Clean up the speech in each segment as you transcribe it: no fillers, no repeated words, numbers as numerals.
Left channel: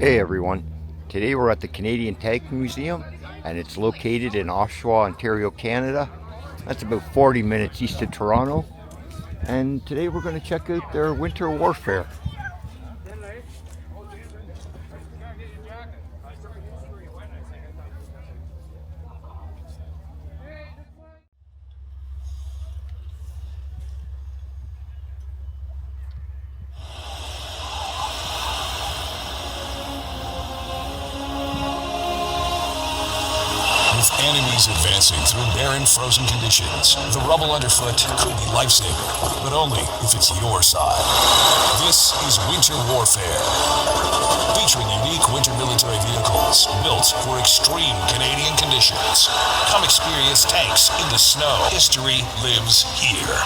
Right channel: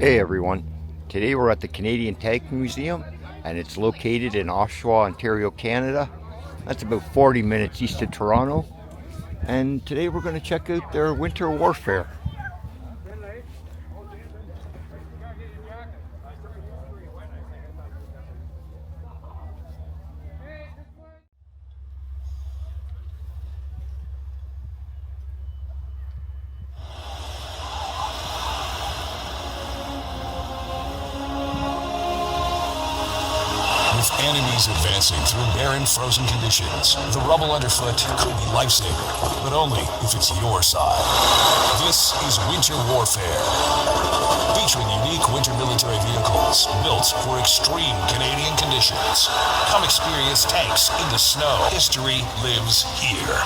Hey everyone, today we're at the Canadian Tank Museum and it's located in Oshawa, Ontario, Canada. That's about 40 minutes east of Toronto. And today we're going to check out their winter warfare. With enemies advancing through barren, frozen conditions, the rubble underfoot could be lifesaver, but only if it's your side. This is Winter Warfare, featuring unique winter military vehicles built for extreme Canadian conditions. Come experience tanks in the snow. History lives here.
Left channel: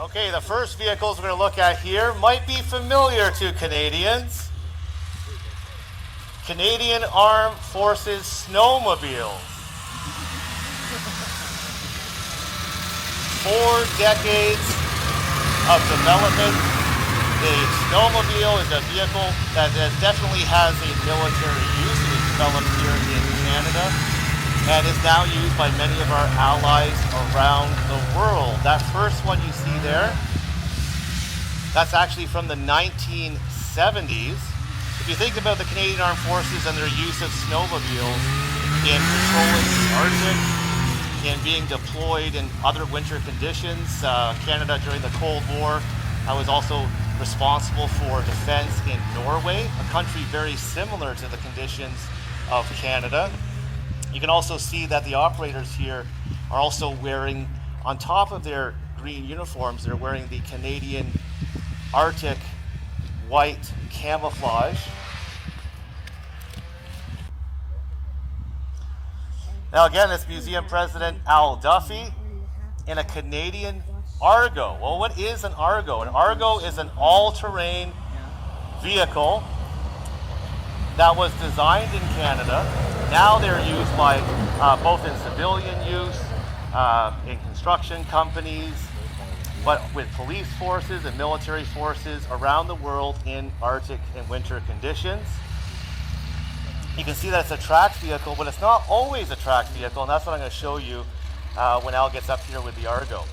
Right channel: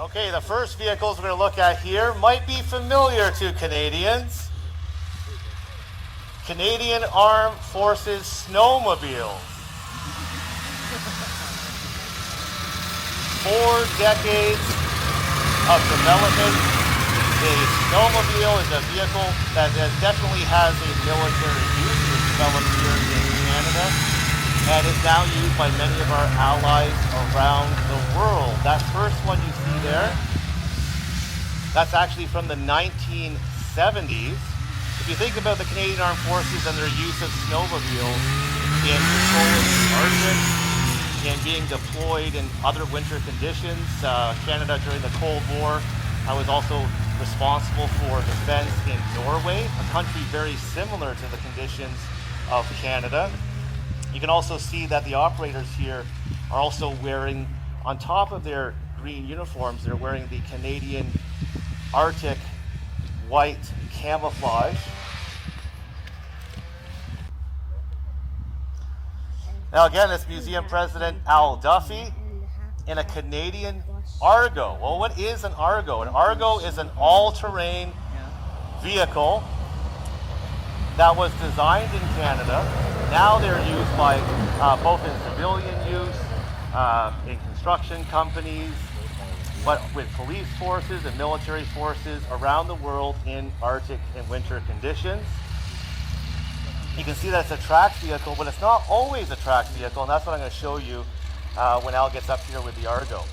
Okay, the first vehicles we're going to look at here might be familiar to Canadians. Canadian Armed Forces snowmobile. 4 decades of development. The snowmobile is a vehicle that definitely has a military use. It was developed here in Canada and is now used by many of our allies around the world. That first one you see there, that's actually from the 1970s. If you think about the Canadian Armed Forces and their use of snowmobiles in patrolling the Arctic, in being deployed in other winter conditions, Canada during the Cold War, I was also responsible for defense in Norway, a country very similar to the conditions of Canada. You can also see that the operators here are also wearing, on top of their green uniforms, they're wearing the Canadian Arctic white camouflage. Now again, it's Museum President Al Duffy in a Canadian Argo. Well, what is an Argo? An Argo is an all-terrain vehicle that was designed in Canada. Now they're used by both in civilian use, in construction companies, but with police forces and military forces around the world in Arctic and winter conditions. You can see that it's a tracked vehicle, but it's not always a tracked vehicle, and that's what I'm going to show you when Al gets up here with the Argo.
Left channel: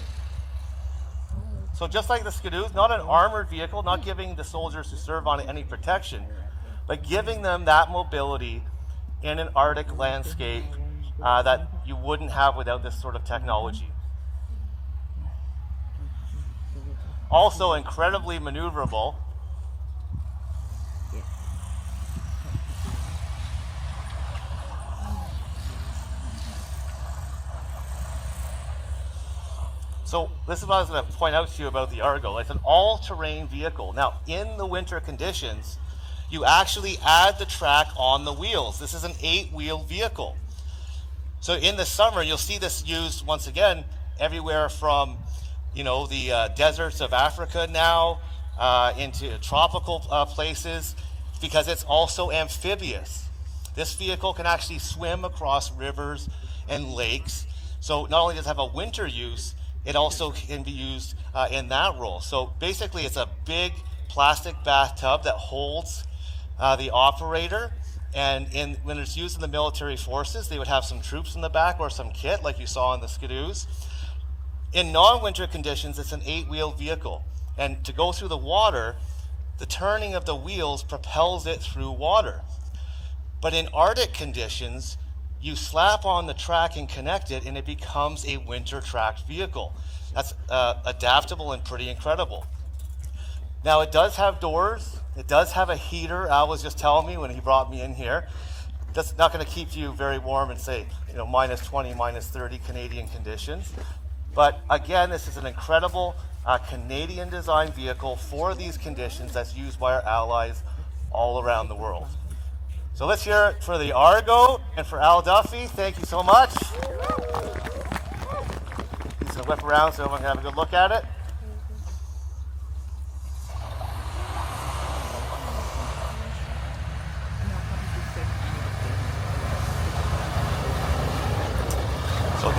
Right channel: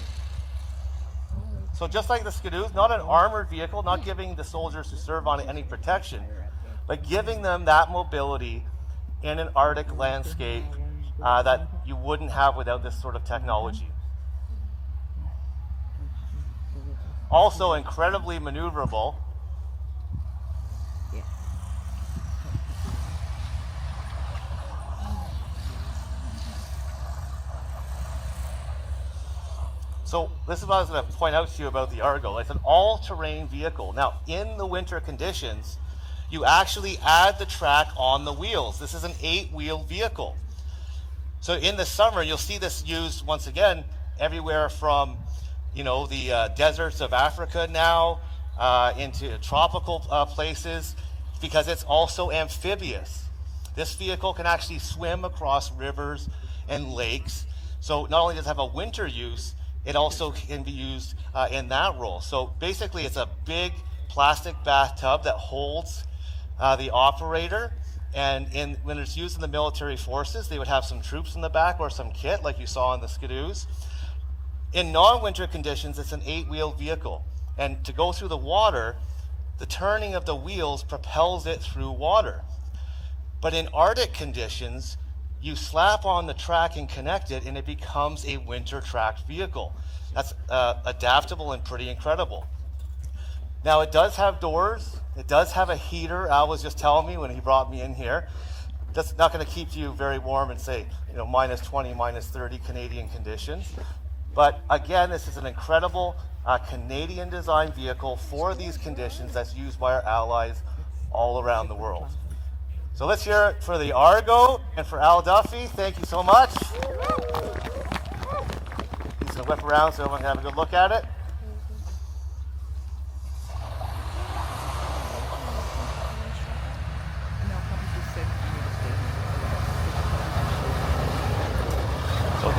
So just like the Skidoo, not an armored vehicle, not giving the soldiers who serve on it any protection, but giving them that mobility in an Arctic landscape that you wouldn't have without this sort of technology. Also incredibly maneuverable. So this is what I was going to point out to you about the Argo. It's an all-terrain vehicle. Now, in the winter conditions, you actually add the track on the wheels. This is an 8-wheel vehicle. So in the summer, you'll see this used once again everywhere from, the deserts of Africa now into tropical places, because it's also amphibious. This vehicle can actually swim across rivers and lakes. So not only does it have a winter use, it also can be used in that role. So basically, it's a big plastic bathtub that holds the operator. And when it's used in the military forces, they would have some troops in the back or some kit, like you saw in the Skidoos. In non-winter conditions, it's an 8-wheel vehicle. And to go through the water, the turning of the wheels propels it through water. But in Arctic conditions, you slap on the track and connect it, and it becomes a winter tracked vehicle. That's adaptable and pretty incredible. Now, it does have doors. It does have a heater. Al was just telling me when he brought me in here. That's not going to keep you very warm in, say, minus 20, minus 30 Canadian conditions. But again, this is an incredible Canadian design vehicle for these conditions that's used by our allies all around the world. So let's hear it for the Argo and for Al Duffy. Thank you so much. He's going to whip around so everyone can have a good look at it. So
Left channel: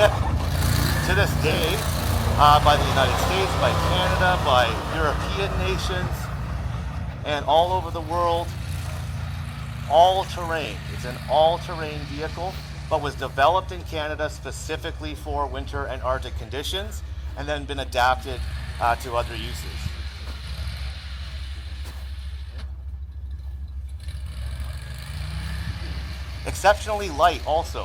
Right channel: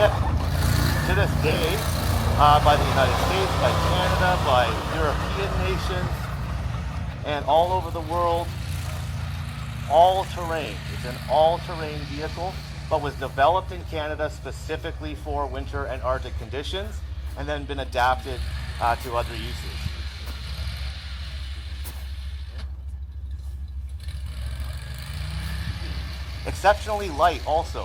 to this day, by the United States, by Canada, by European nations, and all over the world, all-terrain. It's an all-terrain vehicle, but was developed in Canada specifically for winter and Arctic conditions, and then been adapted to other uses. Exceptionally light also.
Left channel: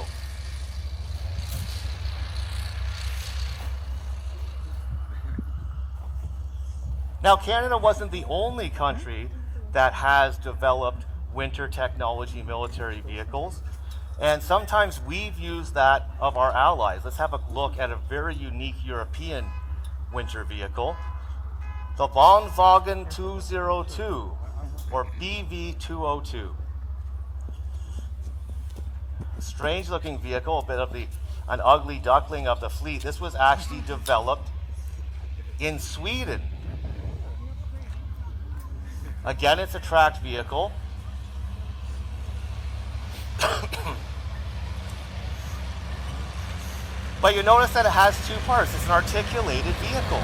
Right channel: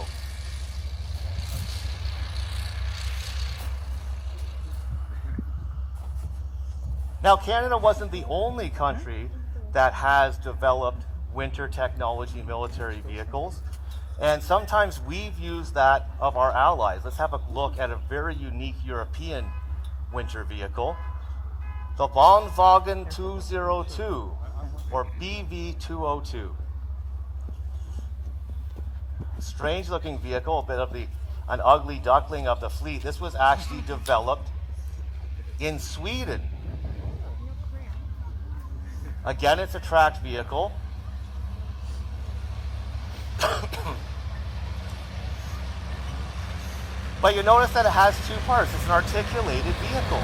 Now, Canada wasn't the only country that has developed winter technology military vehicles, and sometimes we've used that of our allies. Let's have a look at a very unique European winter vehicle, the Wohnwagen 202, or BV202. Strange looking vehicle, a bit of an ugly duckling of the fleet. This was actually developed in Sweden. Again, it's a tracked vehicle. But you notice that it has two parts. It's an articulated vehicle.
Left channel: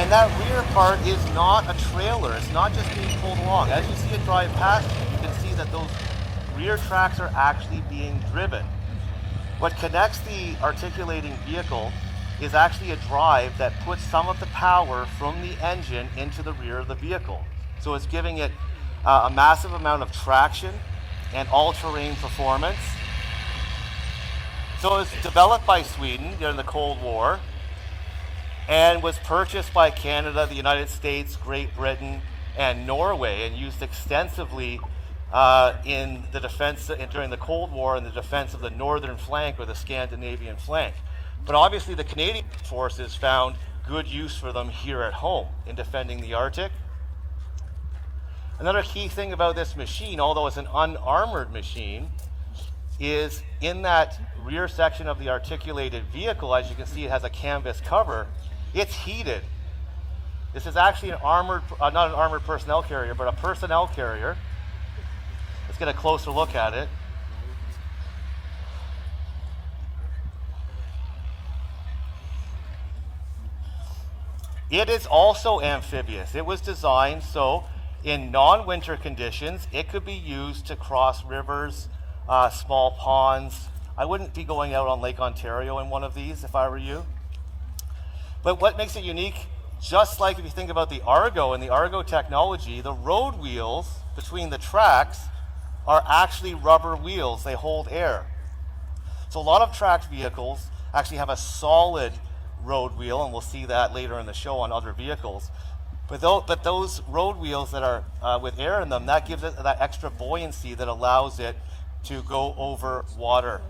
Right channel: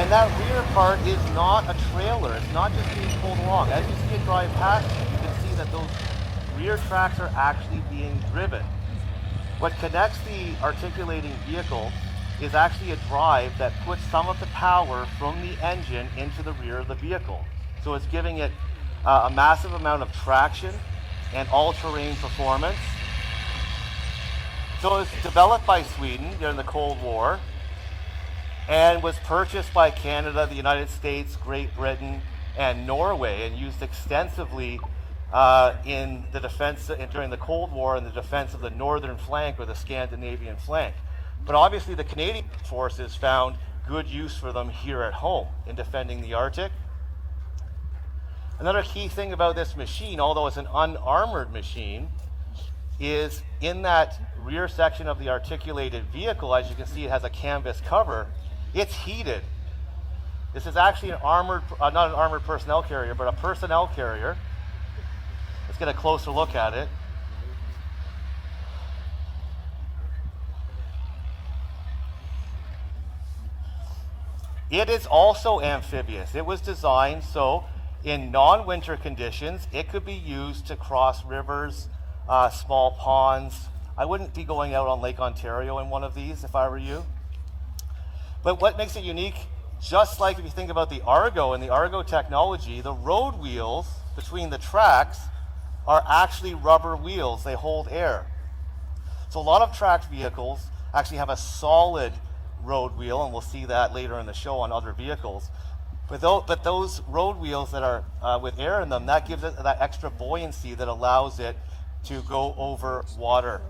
And that rear part is not a trailer. It's not just being pulled along. As you see it drive past, you can see that those rear tracks are actually being driven. What connects the articulating vehicle is actually a drive that puts some of the power from the engine into the rear of the vehicle. So it's giving it a massive amount of traction and all-terrain performance. So it's developed by Sweden during the Cold War and was purchased by Canada, the United States, Great Britain, and Norway, and used extensively in the defense during the Cold War in the defense of the northern flank or the Scandinavian flank. But obviously the Canadian forces found good use for them here at home in defending the Arctic. Another key thing about this machine, although it's an unarmored machine, is in that rear section of the articulated vehicle, as you can see, it has a canvas cover. It's heated. This is actually an armored, not an armored personnel carrier, but a personnel carrier. Let's get a closer look at it. It is also amphibious. It was designed so in non-winter conditions, it could be used to cross rivers, small ponds. I wouldn't be going out on Lake Ontario in one of these if I were you. But what makes it unique, just like if you think about the Argo and the Argo technology, the road wheels between the tracks are actually rubber wheels. They hold air. So a lot of tracked vehicles actually have a solid road wheel, and we'll see that later in the show on other vehicles. But those road wheels that are with air in them, that gives it that extra buoyancy that allows it to go over water.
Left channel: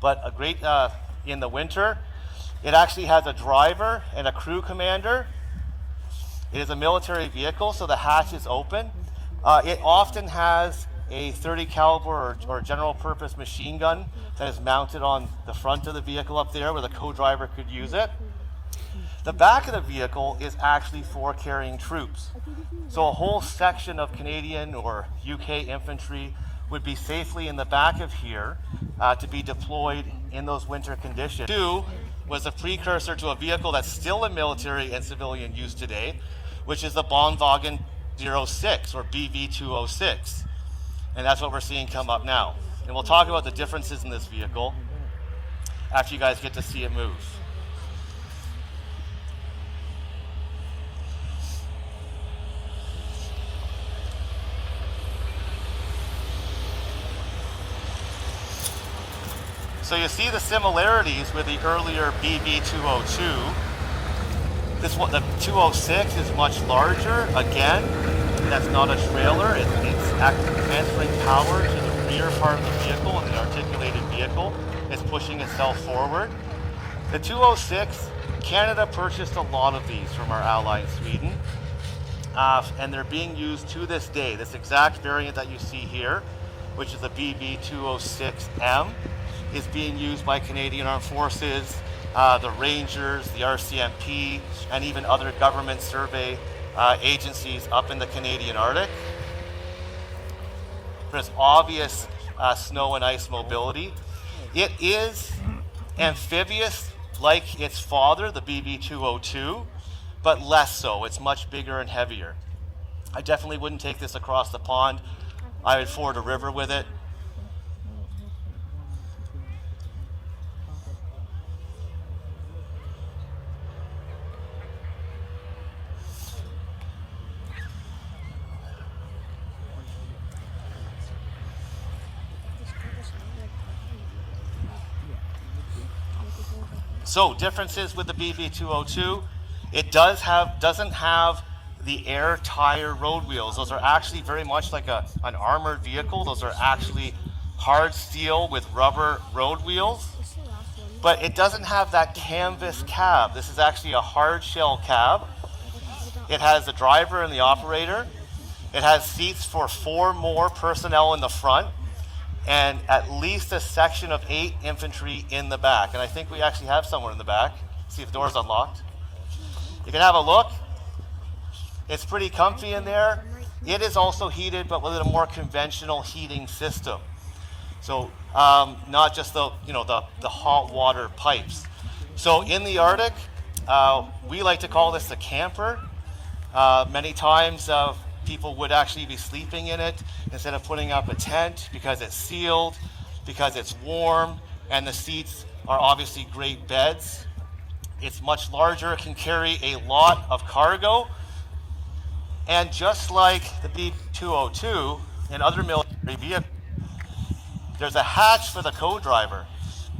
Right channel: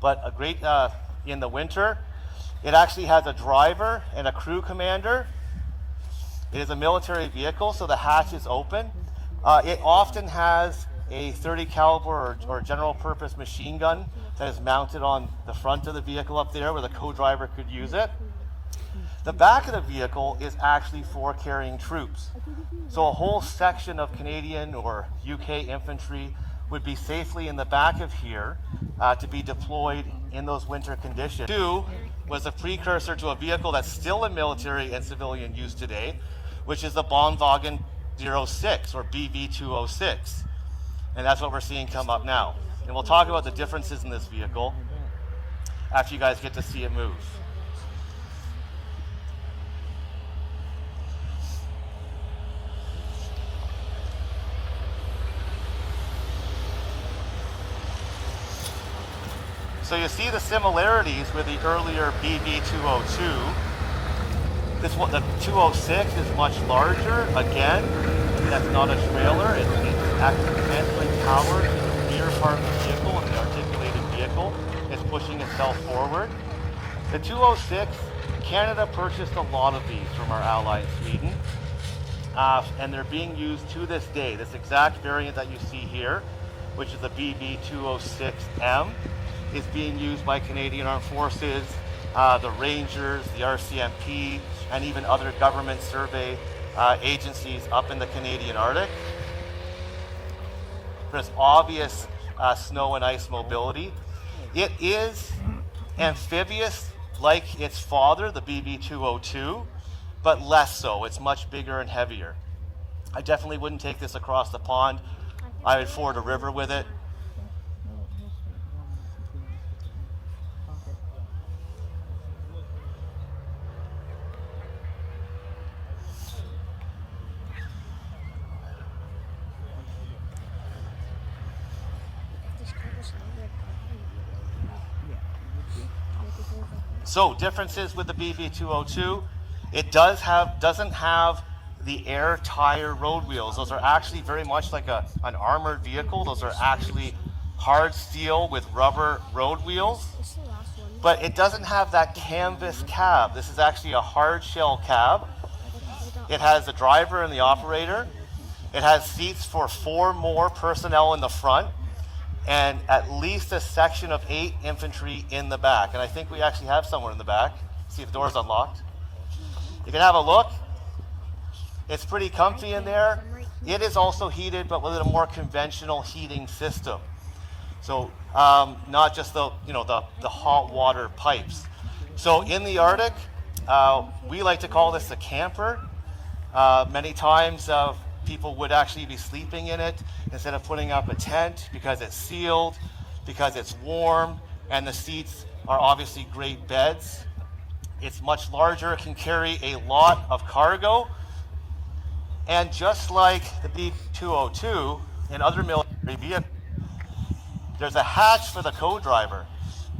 But a great in the winter, It actually has a driver and a crew commander. It is a military vehicle, so the hatch is open. It often has a 30 caliber or general purpose machine gun that is mounted on the front of the vehicle up there where the co-driver could use it. The back of the vehicle is actually for carrying troops. So a whole section of Canadian or UK infantry would be safely in the back of here to be deployed in those winter conditions. 2 was a precursor to a vehicle that's still in military and civilian use today, which is the Bonwagen 06 or BV206. And that's what we're seeing come up now. And we'll talk about the differences in this vehicle after you guys get to see it move. So you see the similarities with the earlier BV202. This one, the 206, is much larger. Again, that's not a trailer. It's actually handling power to the rear part of the vehicle, and the articulated vehicle is pushing itself forward. The 206, Canada purchased a lot of these from our ally in Sweden, and they're being used to this day. This exact variant that you see here, which is the BV206M, is being used by Canadian Armed Forces, the Rangers, the RCMP, and even other government survey agencies up in the Canadian Arctic. There's obvious snow and ice mobility. It is amphibious like its father, the BV202, but less so. It's much bigger and heavier. I definitely wouldn't take this across the pond. I would ford a river with it. So differences with the BV202, it doesn't have the air tire road wheels. Those are actually very much like an armored vehicle. Those are actually hard steel with rubber road wheels. But it doesn't have that canvas cab. This is actually a hard shell cab. It has the driver and the operator. It has seats for 4 more personnel in the front, and at least a section of 8 infantry in the back. And I think we actually have someone in the back. See if the door's unlocked. You can have a look. It's pretty comfy in there. It is also heated, but with a more conventional heating system. So not just the hot water pipes. So in the Arctic, we like to call this the camper. Many times people would actually be sleeping in it instead of putting up a tent because it's sealed, because it's warm, and the seats are obviously great beds. It's much larger. It can carry a lot of cargo. And just like the B202 and other military vehicles, there's a hatch for the co-driver.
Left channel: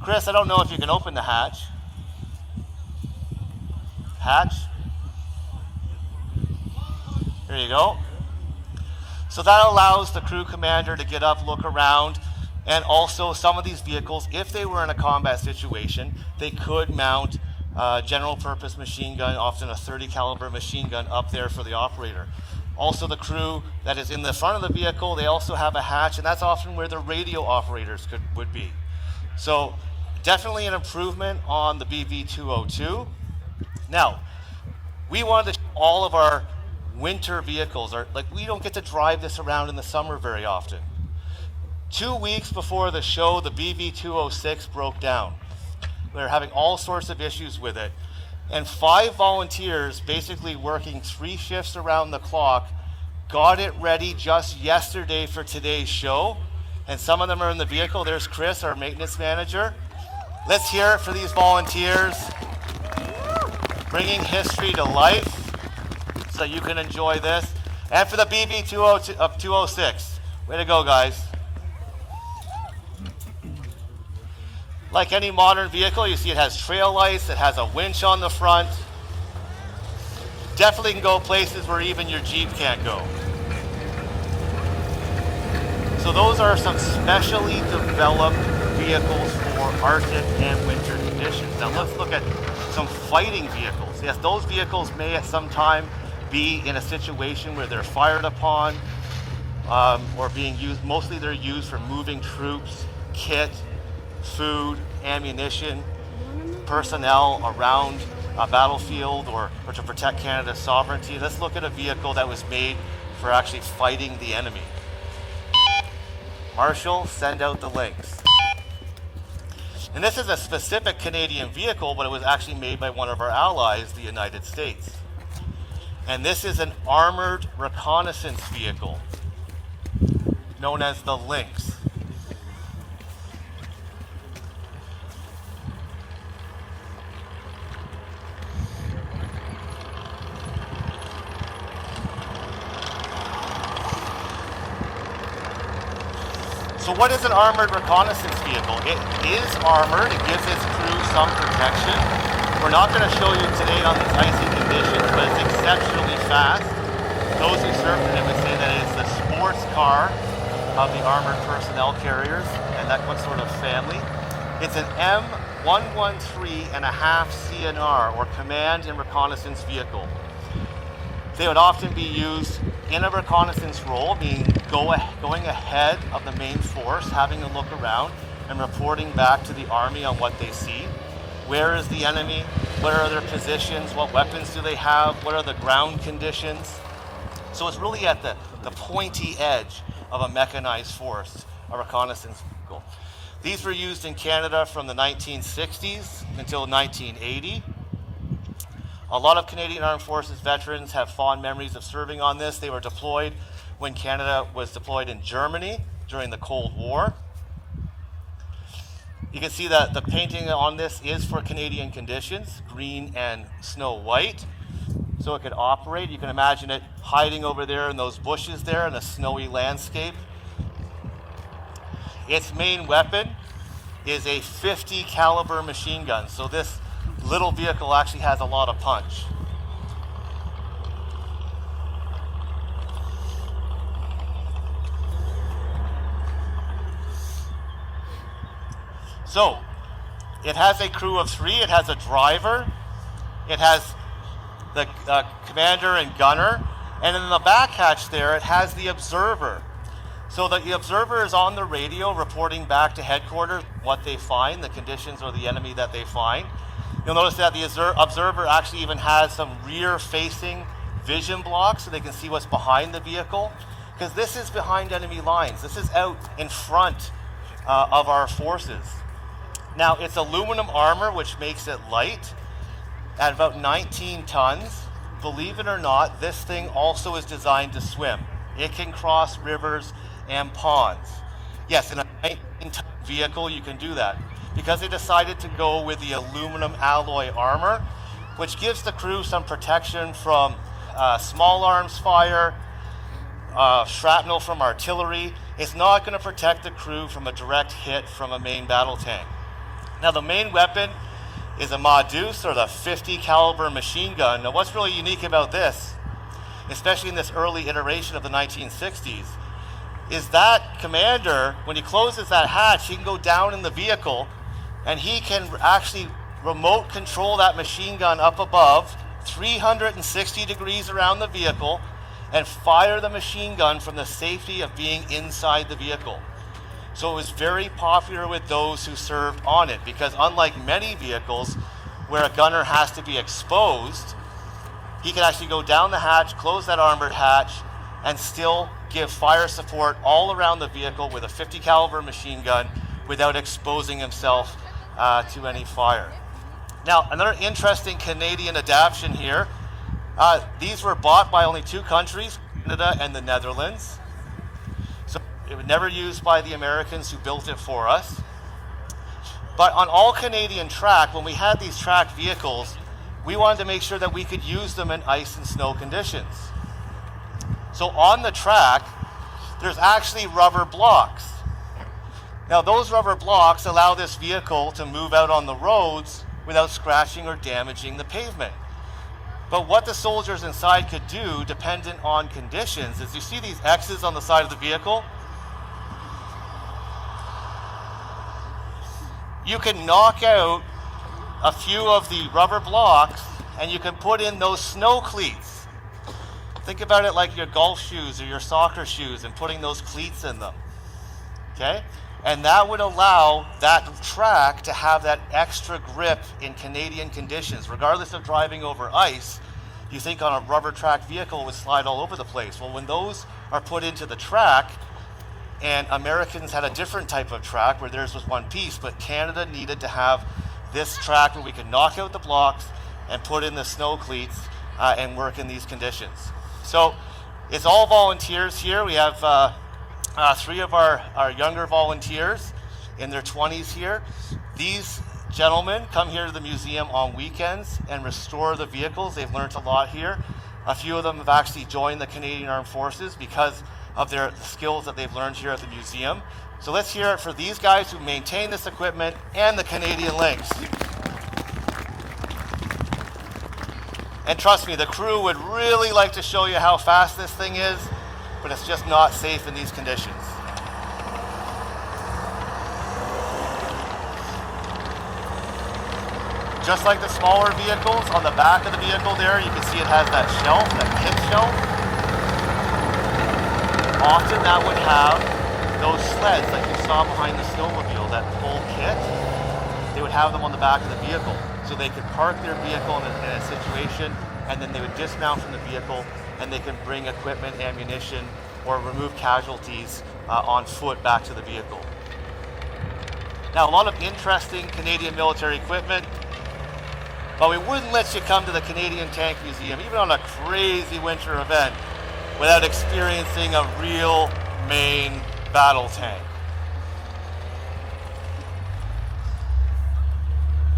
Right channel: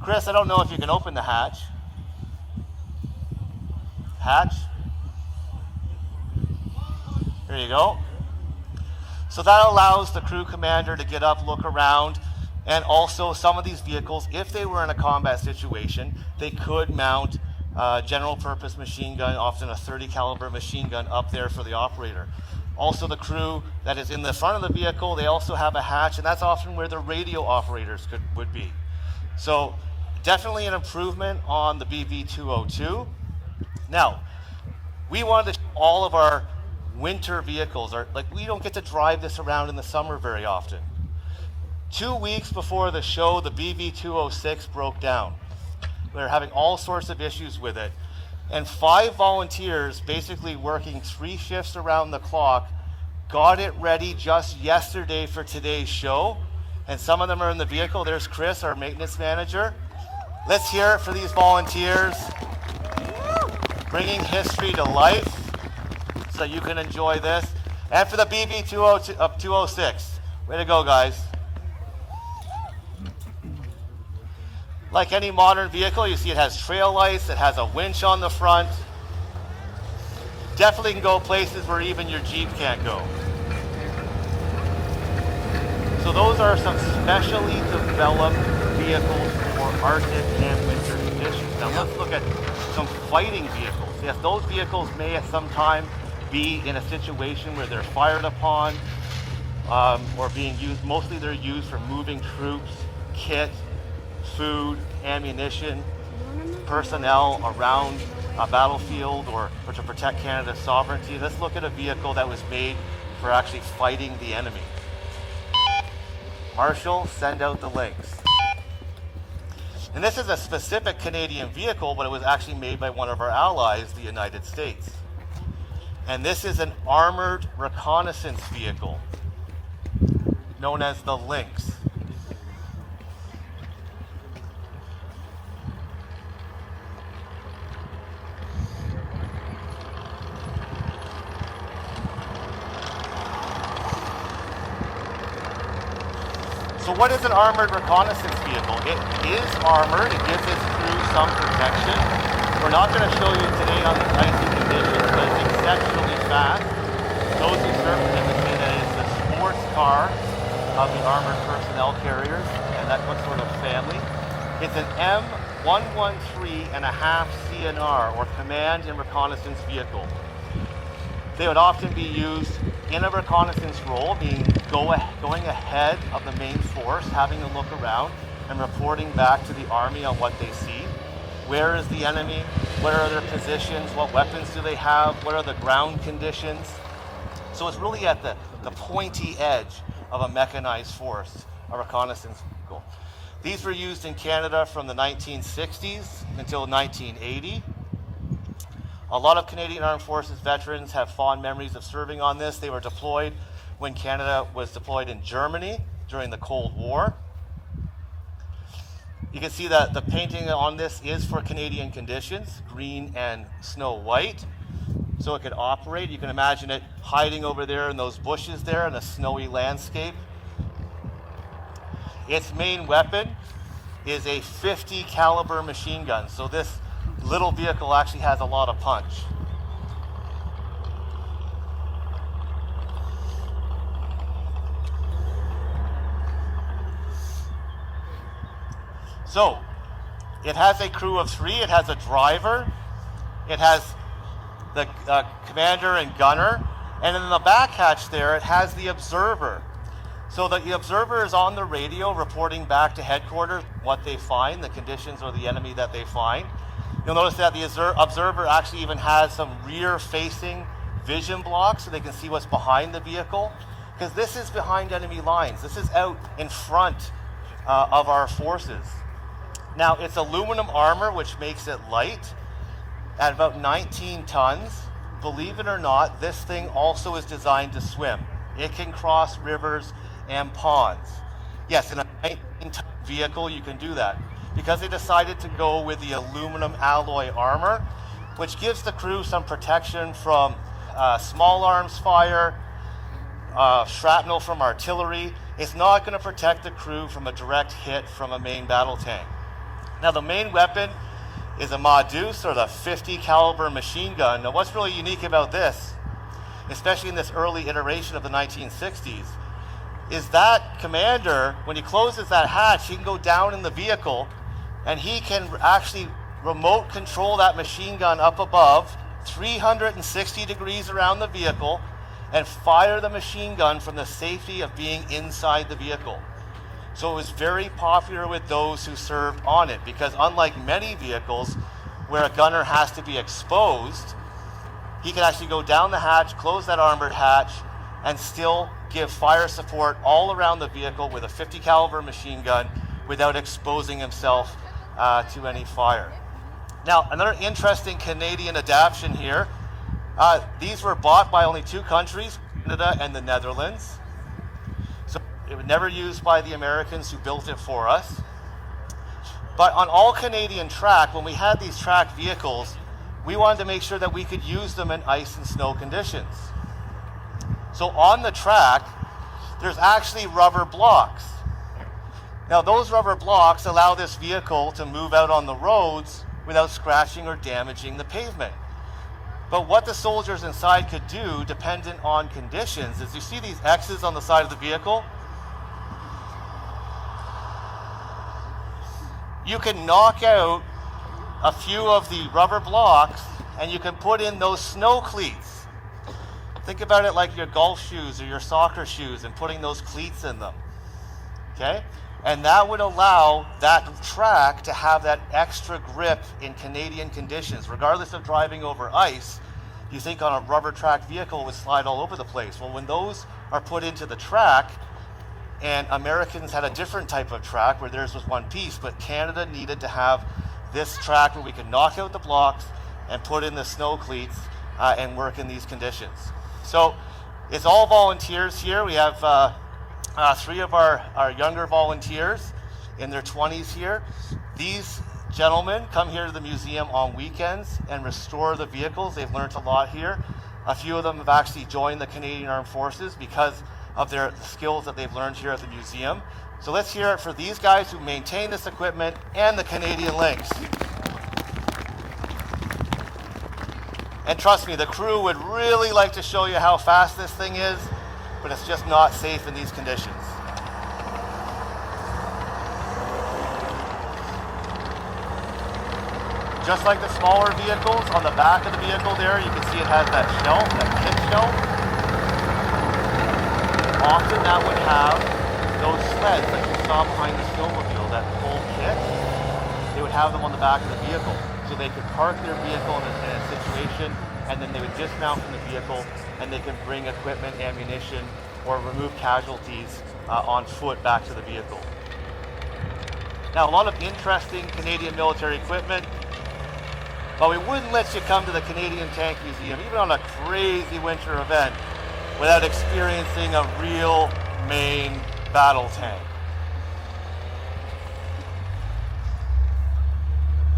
Chris, I don't know if you can open the hatch. Hatch. There you go. So that allows the crew commander to get up, look around, and also some of these vehicles, if they were in a combat situation, they could mount general purpose machine gun, often a 30 caliber machine gun up there for the operator. Also the crew that is in the front of the vehicle, they also have a hatch, and that's often where the radio operators would be. So definitely an improvement on the BV202. Now, we wanted to show all of our winter vehicles. We don't get to drive this around in the summer very often. 2 weeks before the show, the BV206 broke down. We were having all sorts of issues with it. And 5 volunteers, basically working 3 shifts around the clock, got it ready just yesterday for today's show. And some of them are in the vehicle. There's Chris, our maintenance manager. Let's hear it for these volunteers, bringing history to life so you can enjoy this. And for the BV206, way to go, guys. Like any modern vehicle, you see it has trail lights, it has a winch on the front. Definitely can go places where even your Jeep can't go. So those are some specially developed vehicles for Arctic and winter conditions. Now let's look at some fighting vehicles. Yes, those vehicles may at some time be in a situation where they're fired upon or being used. Mostly they're used for moving troops, kit, food, ammunition, personnel around a battlefield or to protect Canada's sovereignty. Let's look at a vehicle that was made for actually fighting the enemy. Marshal, send out the links. And this is a specific Canadian vehicle, but it was actually made by one of our allies, the United States. And this is an armored reconnaissance vehicle known as the Lynx. So what is an armored reconnaissance vehicle? It is armored, it gives its crew some protection. We're not going to show you today on the icy conditions, but it's exceptionally fast. Those who serve it would say that it's the sports car of the armored personnel carriers, and that comes with a family. It's an M113.5 CNR, or Command and Reconnaissance Vehicle. They would often be used in a reconnaissance role, going ahead of the main force, having a look around and reporting back to the army on what they see. Where is the enemy? What are their positions? What weapons do they have? What are the ground conditions? So it's really at the pointy edge of a mechanized force, a reconnaissance vehicle. These were used in Canada from the 1960s until 1980. A lot of Canadian Armed Forces veterans have fond memories of serving on this. They were deployed when Canada was deployed in Germany during the Cold War. You can see that the painting on this is for Canadian conditions, green and snow white. So it could operate. You can imagine it hiding over there in those bushes there in a snowy landscape. Its main weapon is a .50 caliber machine gun. So this little vehicle actually has a lot of punch. So it has a crew of 3. It has a driver. It has the commander and gunner. And in the back hatch there, it has the observer. So the observer is on the radio reporting back to headquarters what they find, the conditions or the enemy that they find. You'll notice that the observer actually even has some rear-facing vision blocks so they can see what's behind the vehicle, because this is behind enemy lines. This is out in front of our forces. Now, it's aluminum armor, which makes it light at about 19 tons. Believe it or not, this thing also is designed to swim. It can cross rivers and ponds. Yes, in a 19-ton vehicle, you can do that, because they decided to go with the aluminum alloy armor, which gives the crew some protection from small arms fire, shrapnel from artillery. It's not going to protect the crew from a direct hit from a main battle tank. Now, the main weapon is a Modus, or the .50 caliber machine gun. Now, what's really unique about this, especially in this early iteration of the 1960s, is that commander, when he closes that hatch, he can go down in the vehicle and he can actually remote control that machine gun up above, 360 degrees around the vehicle, and fire the machine gun from the safety of being inside the vehicle. So it was very popular with those who served on it, because unlike many vehicles where a gunner has to be exposed, he can actually go down the hatch, close that armored hatch, and still give fire support all around the vehicle with a .50 caliber machine gun without exposing himself to any fire. Now, another interesting Canadian adaptation here. These were bought by only 2 countries, Canada and the Netherlands. So it was never used by the Americans who built it for us. But on all Canadian track, when we had these track vehicles, we wanted to make sure that we could use them in ice and snow conditions. So on the track, there's actually rubber blocks. Now, those rubber blocks allow this vehicle to move out on the roads without scratching or damaging the pavement. But what the soldiers inside could do, dependent on conditions, is you see these X's on the side of the vehicle? You can knock out a few of the rubber blocks and you can put in those snow cleats. Think about it like your golf shoes or your soccer shoes and putting those cleats in them. Okay? And that would allow that track to have that extra grip in Canadian conditions. Regardless of driving over ice, you think on a rubber track vehicle it would slide all over the place. Well, when those are put into the track, and Americans had a different type of track where theirs was one piece, but Canada needed to have this track where we could knock out the blocks and put in the snow cleats and work in these conditions. So it's all volunteers here. We have 3 of our younger volunteers in their 20s here. These gentlemen come here to the museum on weekends and restore the vehicles. They've learned a lot here. A few of them have actually joined the Canadian Armed Forces because of their skills that they've learned here at the museum. So let's hear it for these guys who maintain this equipment and the Canadian Lynx. And trust me, the crew would really like to show you how fast this thing is, but it's just not safe in these conditions. Just like the smaller vehicles, on the back of the vehicle there, you can see it has that shelf, that kit shelf. Often that would have those sleds that you saw behind the snowmobile, that full kit. They would have them on the back of the vehicle. So they could park their vehicle in a situation, and then they would dismount from the vehicle, and they can bring equipment, ammunition, or remove casualties on foot back to the vehicle. Now, a lot of interesting Canadian military equipment, but we wouldn't let you come to the Canadian Tank Museum, even on a crazy winter event, without experiencing a real main battle tank.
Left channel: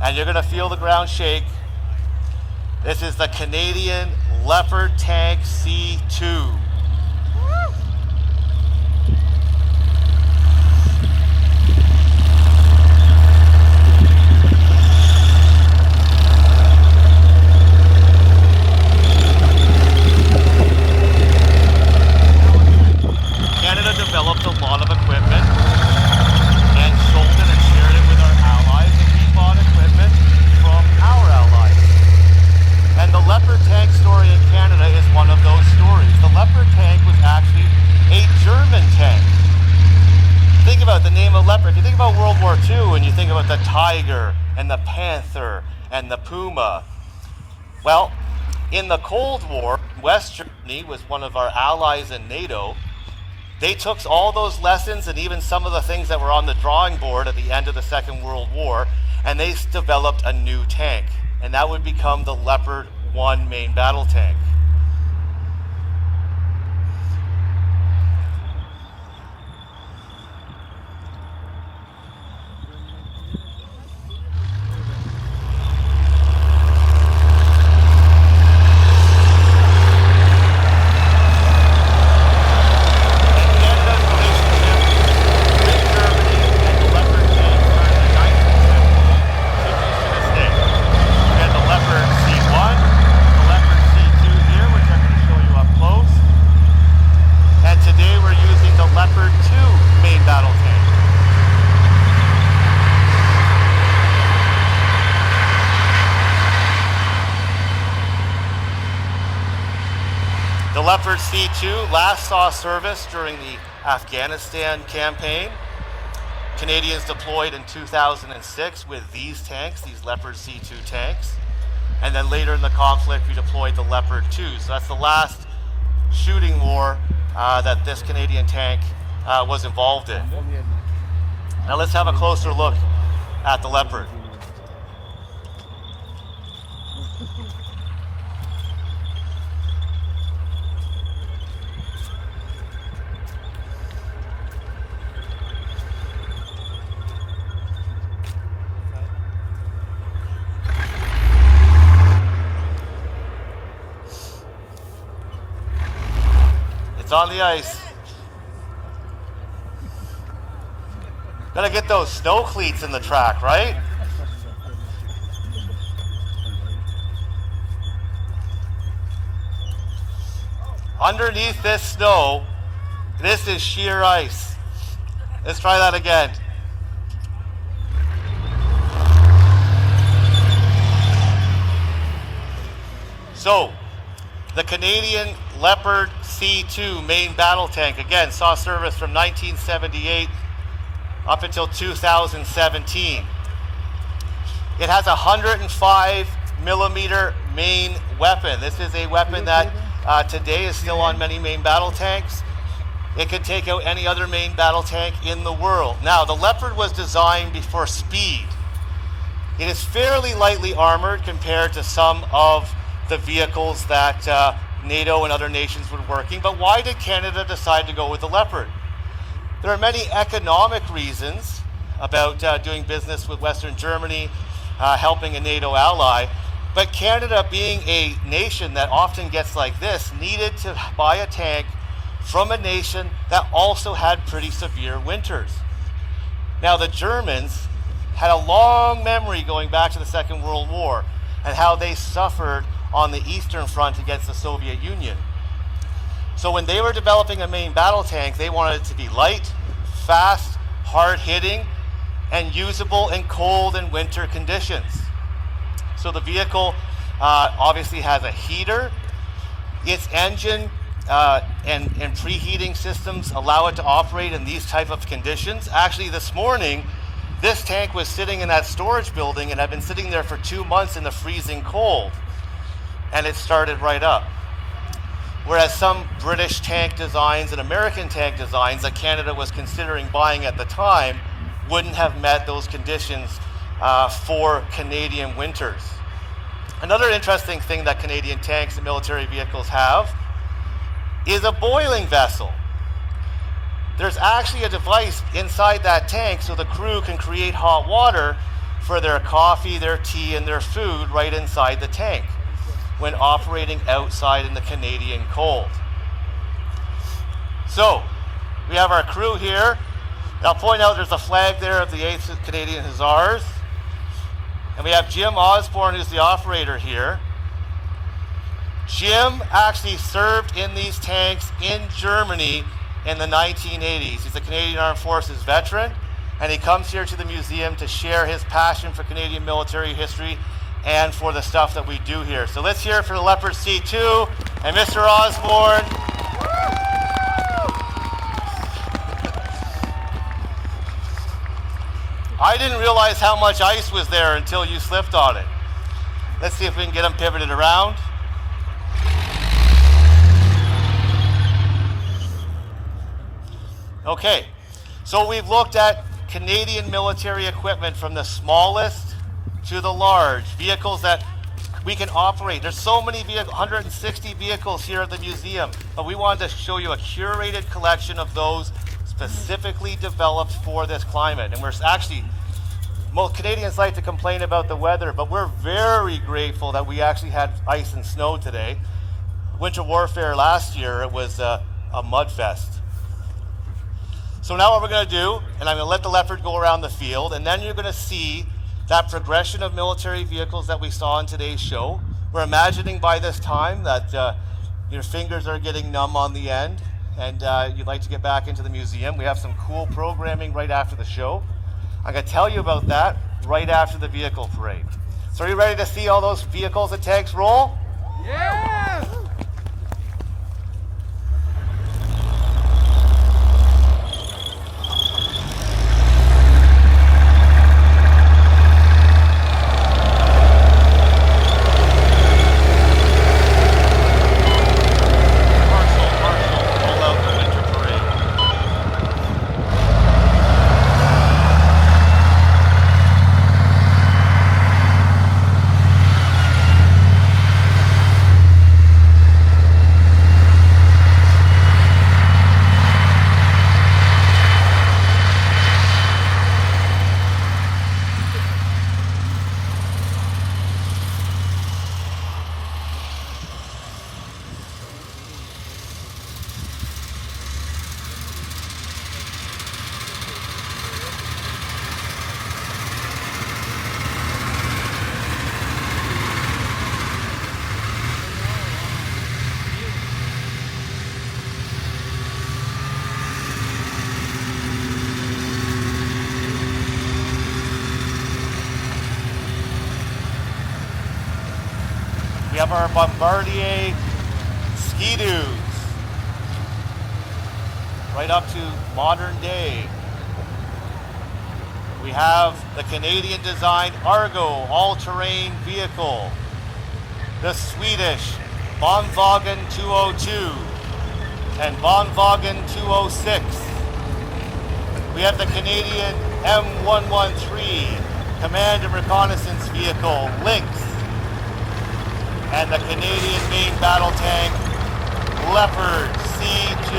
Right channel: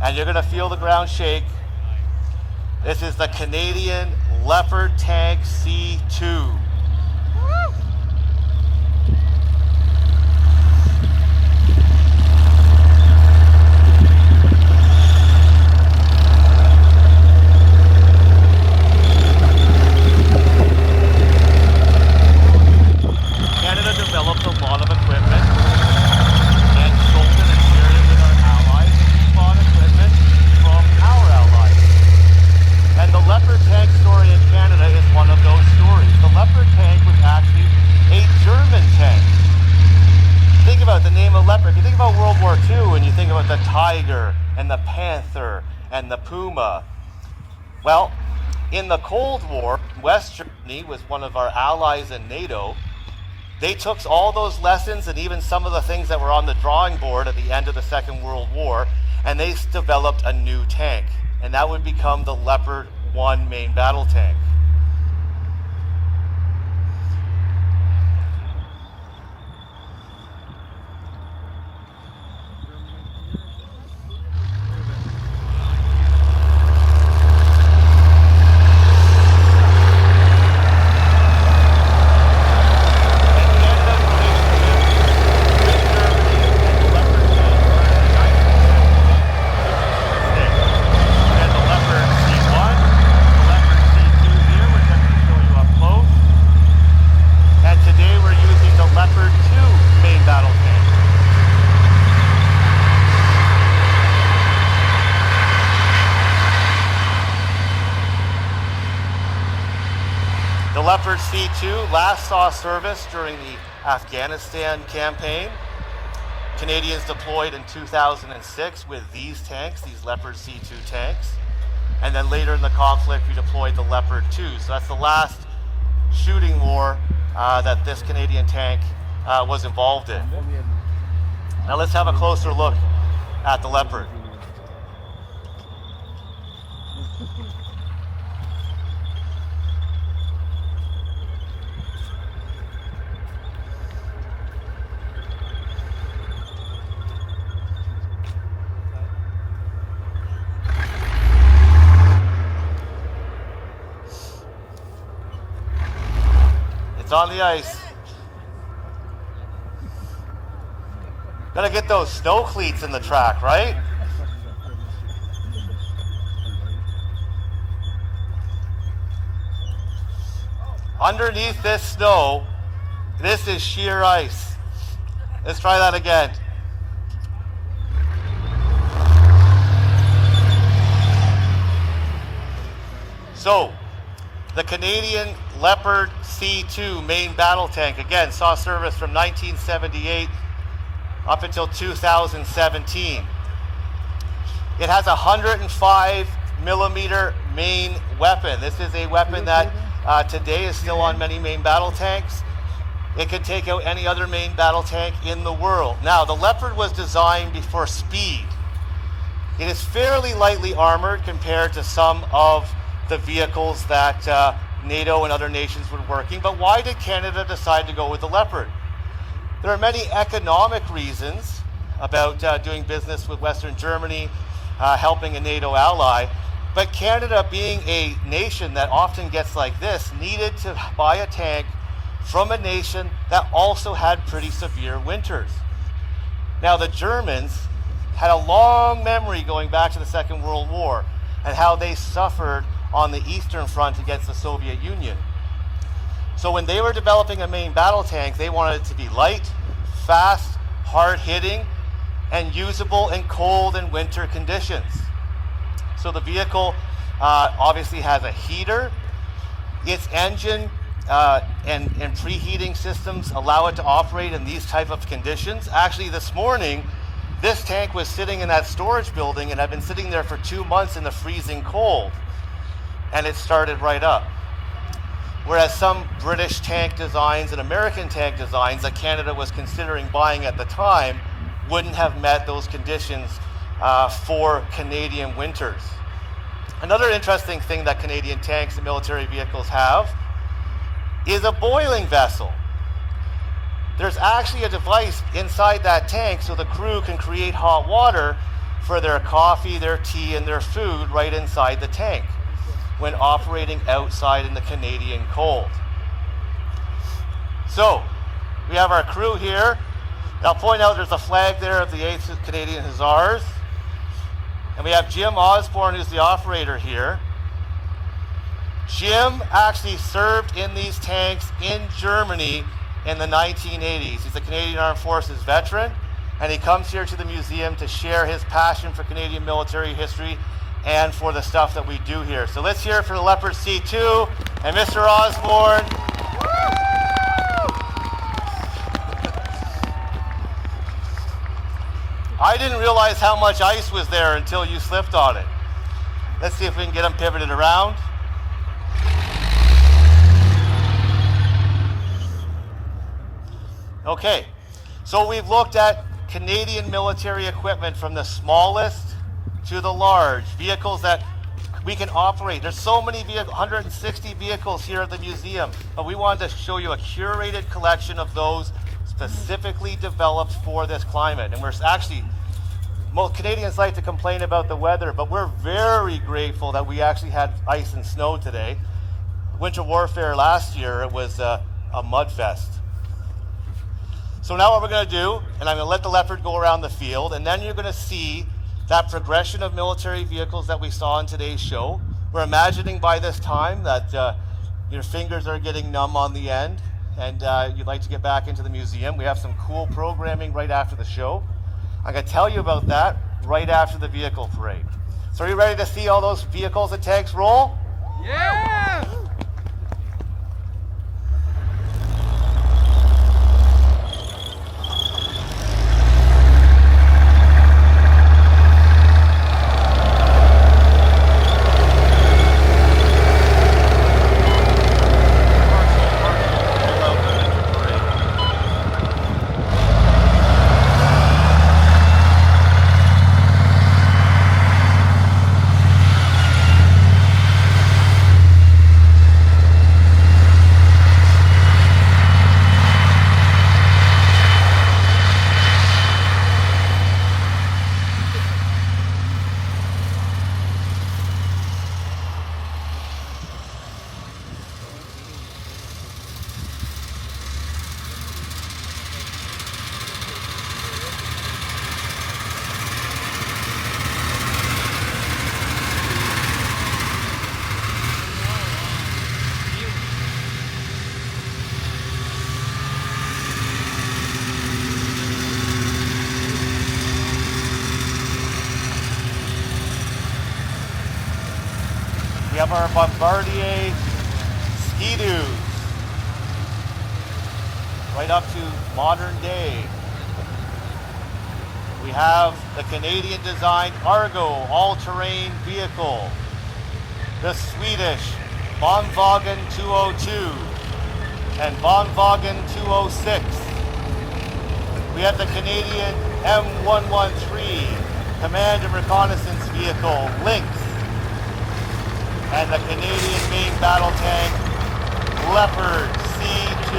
And you're going to feel the ground shake. This is the Canadian Leopard Tank C2. Canada developed a lot of equipment and sold it and shared it with our allies, and we bought equipment from our allies. And the Leopard tank story in Canada is one of those stories. The Leopard tank is actually a German tank. Think about the name of Leopard. If you think about World War II and you think about the Tiger and the Panther and the Puma, well, in the Cold War, West Germany was one of our allies in NATO. They took all those lessons and even some of the things that were on the drawing board at the end of the Second World War, and they developed a new tank. And that would become the Leopard 1 main battle tank. Leopard C2 last saw service during the Afghanistan campaign. Canadians deployed in 2006 with these tanks, these Leopard C2 tanks. And then later in the conflict, we deployed the Leopard 2. So that's the last shooting war that this Canadian tank was involved in. Now let's have a closer look at the Leopard. It's on the ice. Gotta get those snow cleats in the track, right? Underneath this snow, this is sheer ice. Let's try that again. So, the Canadian Leopard C2 main battle tank, again, saw service from 1978 up until 2017. It has a 105 millimeter main weapon. This is a weapon that today is still on many main battle tanks. It can take out any other main battle tank in the world. Now, the Leopard was designed for speed. It is fairly lightly armored compared to some of the vehicles that NATO and other nations were working. But why did Canada decide to go with the Leopard? There are many economic reasons about doing business with Western Germany, helping a NATO ally. But Canada, being a nation that often gets like this, needed to buy a tank from a nation that also had pretty severe winters. Now, the Germans had a long memory going back to the Second World War and how they suffered on the Eastern Front against the Soviet Union. So when they were developing a main battle tank, they wanted it to be light, fast, hard-hitting, and usable in cold and winter conditions. So the vehicle obviously has a heater. Its engine and preheating systems allow it to operate in these type of conditions. Actually, this morning, this tank was sitting in that storage building and had been sitting there for 2 months in the freezing cold, and it started right up. Whereas some British tank designs and American tank designs that Canada was considering buying at the time wouldn't have met those conditions for Canadian winters. Another interesting thing that Canadian tanks and military vehicles have is a boiling vessel. There's actually a device inside that tank so the crew can create hot water for their coffee, their tea, and their food right inside the tank when operating outside in the Canadian cold. So, we have our crew here. I'll point out there's a flag there of the 8th Canadian Hussars. And we have Jim Osborne, who's the operator here. Jim actually served in these tanks in Germany in the 1980s. He's a Canadian Armed Forces veteran, and he comes here to the museum to share his passion for Canadian military history and for the stuff that we do here. So let's hear it for the Leopard C2 and Mr. Osborne. I didn't realize how much ice was there until you slipped on it. Let's see if we can get them pivoted around. Okay, so we've looked at Canadian military equipment from the smallest to the large, vehicles that we can operate. There's so many vehicles, 160 vehicles here at the museum, but we wanted to show you a curated collection of those specifically developed for this climate. And we're actually, most Canadians like to complain about the weather, but we're very grateful that we actually had ice and snow today. Winter warfare last year, it was a mud fest. So now what we're going to do, and I'm going to let the Leopard go around the field, and then you're going to see that progression of military vehicles that we saw in today's show. We're imagining by this time that your fingers are getting numb on the end, and you'd like to get back into the museum. We have some cool programming right after the show. I'm going to tell you about that right after the vehicle parade. So are you ready to see all those vehicles and tanks roll? Yeah! We have our Bombardier Ski-Doos, right up to modern day. We have the Canadian designed Argo all-terrain vehicle, the Swedish Bonvagen 202 and Bonvagen 206. We have the Canadian M113 Command and Reconnaissance Vehicle, Lynx, and the Canadian main battle tank, Leopard C2.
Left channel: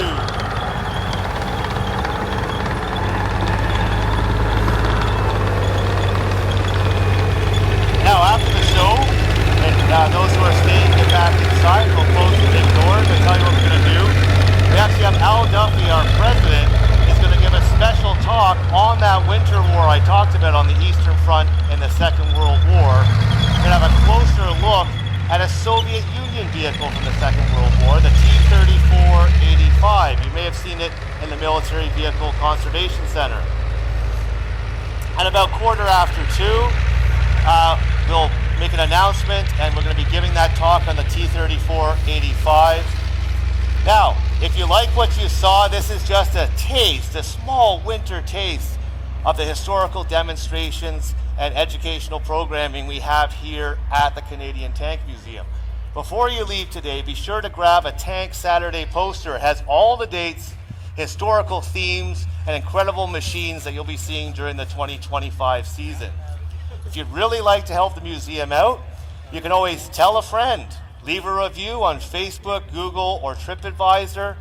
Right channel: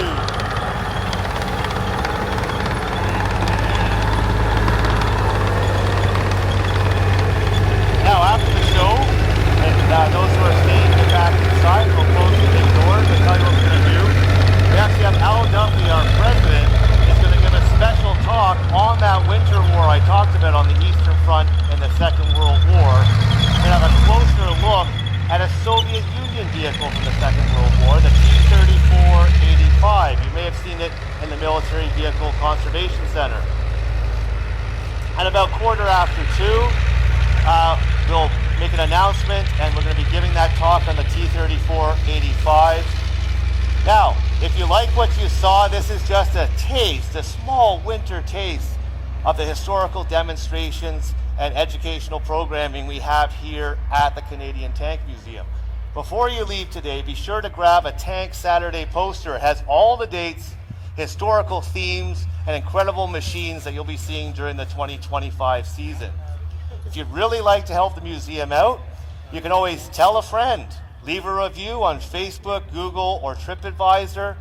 Now, after the show, those who are staying in the back inside will close the doors and tell you what we're going to do. We actually have Al Duffy, our president, who's going to give a special talk on that winter war I talked about on the Eastern Front in the Second World War. We're going to have a closer look at a Soviet Union vehicle from the Second World War, the T-34-85. You may have seen it in the Military Vehicle Conservation Center. At about 2:15, we'll make an announcement, and we're going to be giving that talk on the T-34-85. Now, if you like what you saw, this is just a taste, a small winter taste of the historical demonstrations and educational programming we have here at the Canadian Tank Museum. Before you leave today, be sure to grab a Tank Saturday poster. It has all the dates, historical themes, and incredible machines that you'll be seeing during the 2025 season. If you'd really like to help the museum out, you can always tell a friend, leave a review on Facebook, Google, or TripAdvisor.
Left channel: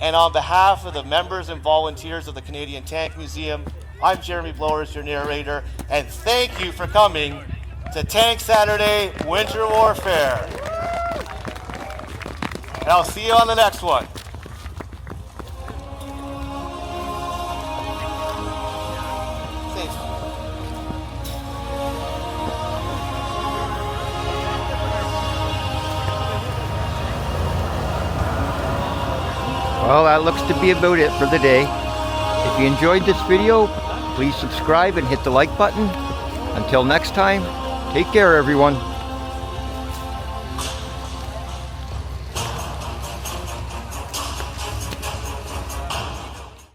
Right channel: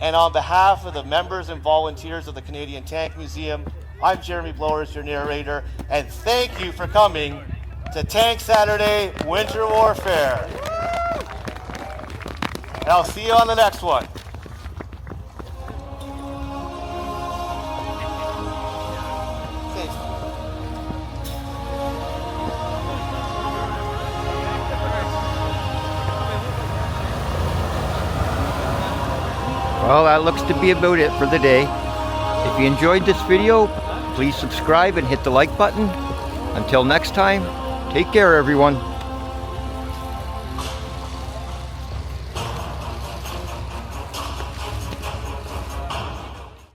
And on behalf of the members and volunteers of the Canadian Tank Museum, I'm Jeremy Blowers, your narrator, and thank you for coming to Tank Saturday Winter Warfare. And I'll see you on the next one. Well, that looks to be about it for the day. If you enjoyed this video, please subscribe and hit the like button. Until next time, take care everyone.